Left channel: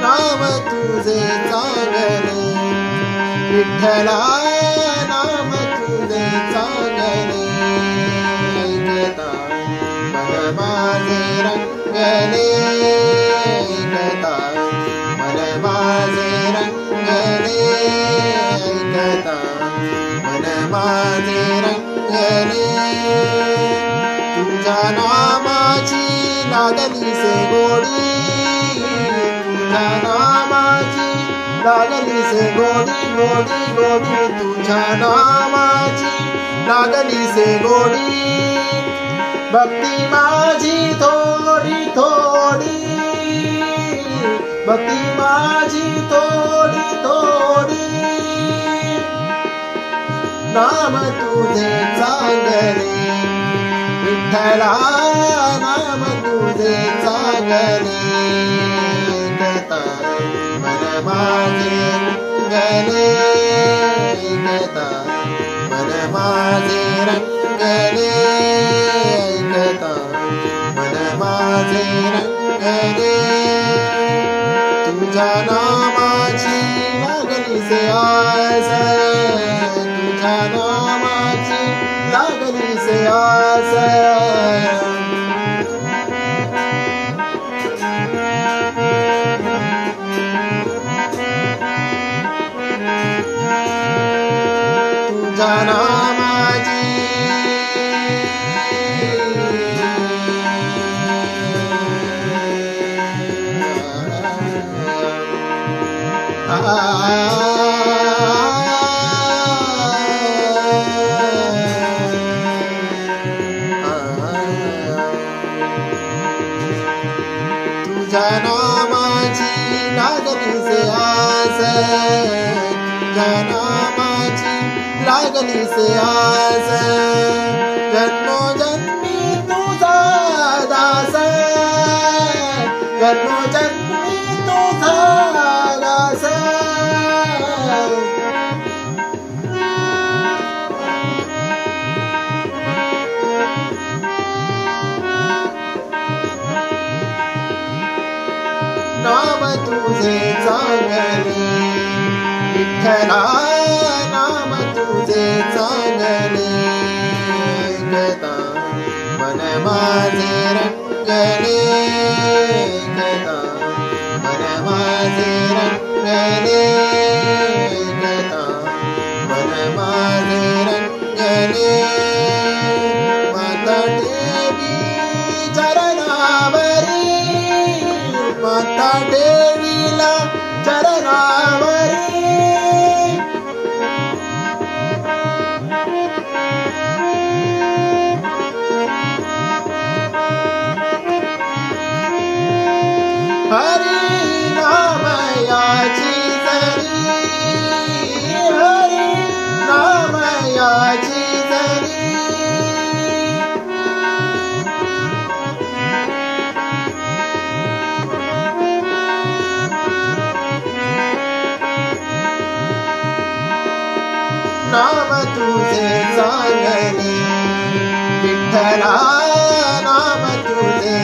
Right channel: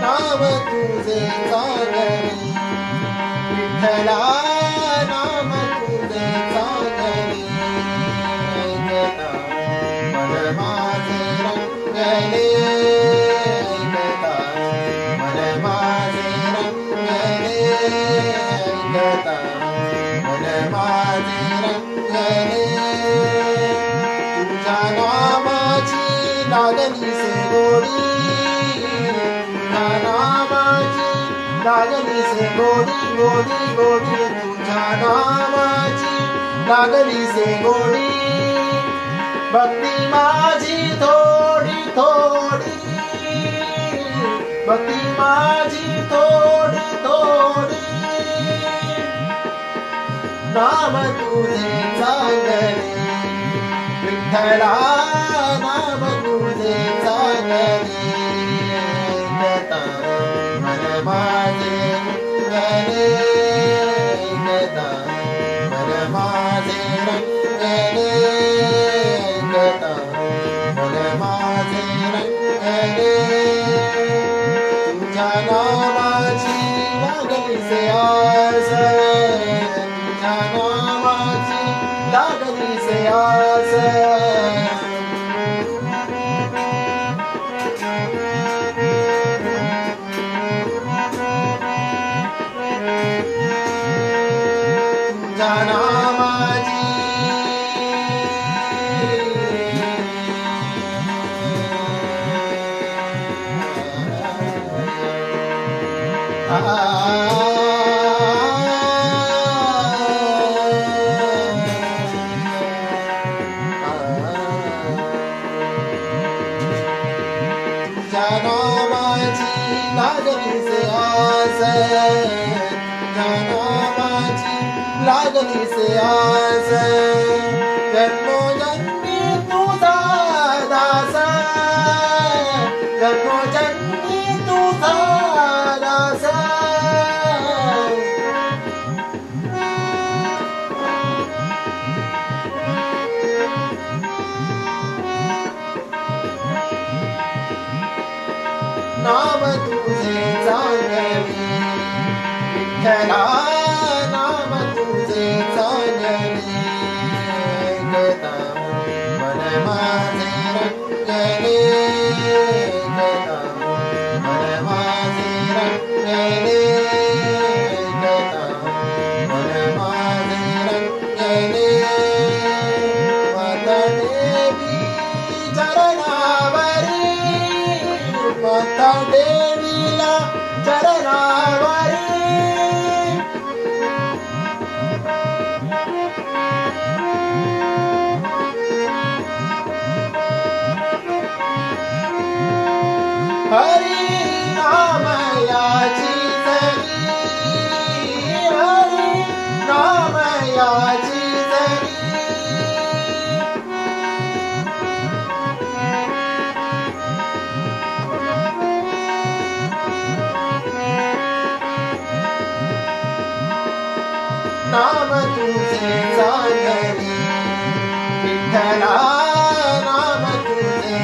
नाम तुझे चांगले विठ्ठला, नाम तुझे चांगले, ऐकता मन माझे रंगले, ऐकता मन माझे रंगले, ऐकता मन माझे रंगले. तुझ्या नामाची लागली से गोडी, तुझ्या नामाची लागली से गोडी गोडी गोडी, तुझ्या नामाची लागली से गोडी. भक्ती माझी थोडी थोडी, भक्ती माझी थोडी थोडी. नाम तुझे चांगले विठ्ठला, नाम तुझे चांगले, ऐकता मन माझे रंगले, ऐकता मन माझे रंगले, ऐकता मन माझे रंगले. तुझ्या नामाची लागली से आस, तुझ्या नामाची लागली से आस. तुझ्या नामाची तुझ्या नामाची लागली से आस, तुझ्या नामाची लागली से आस. जन्मोजन्मी तुझा दास, जन्मोजन्मी तुझा दास. नाम तुझे चांगले विठ्ठला, नाम तुझे चांगले, ऐकता मन माझे रंगले, ऐकता मन माझे रंगले, ऐकता मन माझे रंगले. माता देवी चरणावरी, माता देवीला चरणावरी. हरी नाम याची जरी, हरी नाम याची जरी. नाम तुझे चांगले विठ्ठला, नाम तुझे